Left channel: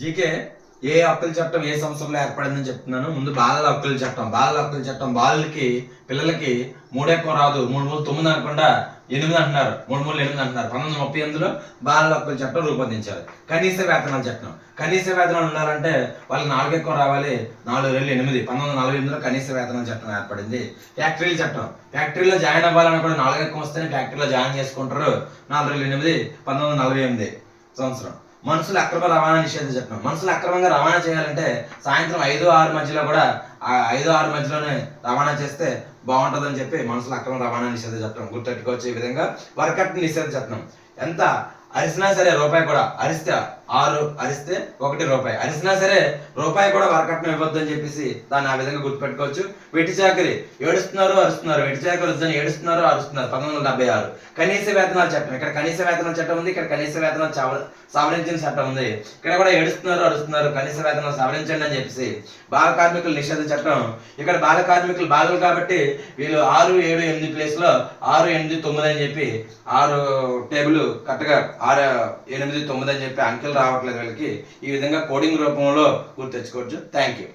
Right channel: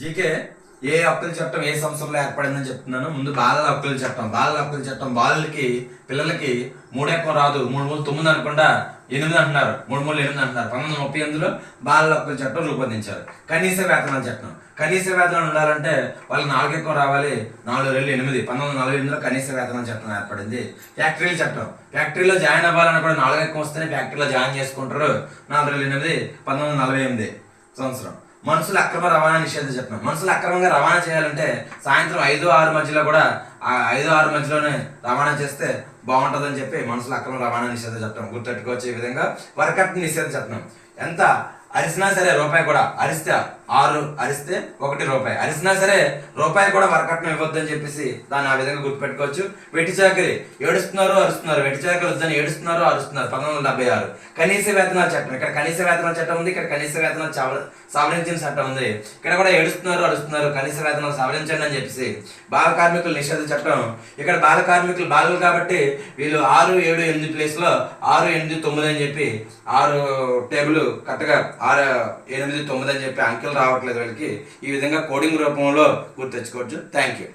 GK ఏ హక్కుల చట్టం ఏ సంవత్సరంలో ఏర్పడిందని చెప్తున్నాను. ముందు బాలల హక్కుల చట్టం. బాలల హక్కుల చట్టం బాలలకి పిల్లలకి మూడెక్కం రాదు, 3 3 9 అనకుండా 8 అంటున్నారు, 3 3 8 అంటున్నారు. 1938లో బాలల హక్కుల చట్టం రూపొందించారు. కనీస వేతనాల చట్టం. కనీస వేతనాలు ఉండాలంటే వాళ్ళకి 4 ఎక్కువ రావాలి, 4 2 8. 1948లో కనీస వేతనాల చట్టం ఏర్పడింది. ఫ్యాక్టరీల చట్టం. ఫ్యాక్టరీలో జాయిన్ అవ్వాలని కూడా 4 ఎక్కువ వస్తేనే ఫ్యాక్టరీలో జాయిన్ చేసుకుంటారు. 4 2 8 1948 సంవత్సరం. మనుషుల అక్రమ రవాణా నిషేధ చట్టం. మనుషులు అక్రమంగా రవాణా చేయాలంటే సాయంత్రం 5 6 మధ్యలో కూడా 5 6 మధ్యలోనే రవాణా చేస్తే బాగుంటుందని చెప్పి మనుషుల అక్రమ రవాణా నిషేధ చట్టం గుర్తెట్టుకోవచ్చు. ఈ విధంగా వరకట్న నిషేధ చట్టం. ఎంత అరిసినా సరే రూపాయి కూడా, అరిస్తే 6 అరిస్తే 1 రూపాయి, అరిసినా సరే రూపాయి కూడా వరకట్నం ఇవ్వద్దు అని చెప్పేసి దాన్ని ఆ విధంగా గుర్తుపెట్టుకోవచ్చు. వెట్టి చాకరి. ఏడుస్తున్నారు అరుస్తున్నారు, వెట్టి చాకరి వద్దని ఏడుస్తున్నారు అరుస్తున్నారు. 1976 కనీస వేతనాల చట్టం. ఇక్కడ కనీస వేతనాల చట్టం ఉంది, ఇక్కడ కనీస వేతనాలు సవరించిన చట్టం ఉంది. ఇక్కడ కూడా ఏడుస్తున్నారు అరుస్తున్నారు, కనీస వేతనాలు సవరించండి అని చెప్పేసి బాల కార్మికుల నిషేధ చట్టం. ఇక్కడ బాల కార్మికులు బాలలు కాబట్టి వీళ్ళు 6 7 8 ప్లేస్లో 6 8 9 అని చెప్పి 6 టేబుల్ కరెక్ట్గా 6 8 9 అని చెప్పి అంకెలు రావట్లేదు వీళ్ళకి. ఈ విధంగా కోడింగ్ రూపంలో గుర్తెచ్చుకోవచ్చు. Thank you.